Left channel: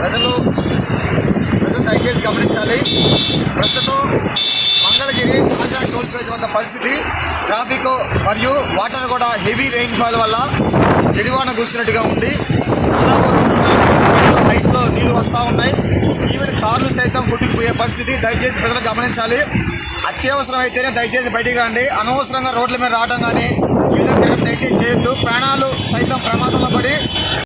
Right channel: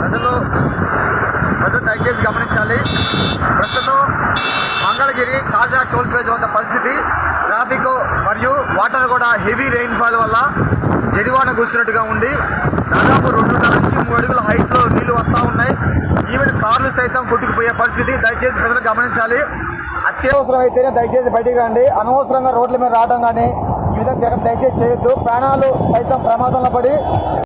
ప్రజలు దయచేసి గమనించాలి. ప్రస్తుతం మంగళగిరి తాజా టోల్ ప్లాజా వద్ద పరిస్థితి ట్రాఫిక్ మరియు వాటర్ కూడా హెవీ రెయిన్ఫాల్ వల్ల జడివాన కూర్చున్నట్టుగా ఉంది. దాదాపు 2.5 నుంచి 3 అడుగుల హైట్లో నీళ్లు వస్తూ ఉన్నాయి. ఈవెన్ కార్లు సైతం కొట్టుకుపోయే పరిస్థితి. దయచేసి ప్రజలు గమనించాలి. అత్యవసరం అయితేనే దయచేసి బయటికి రండి. అనవసరంగా రోడ్ల మీద రావడం కానీ ఈ విధంగా దయచేసి చేయొద్దు. ప్రాణాలు సైతం ప్రమాదంలో పడి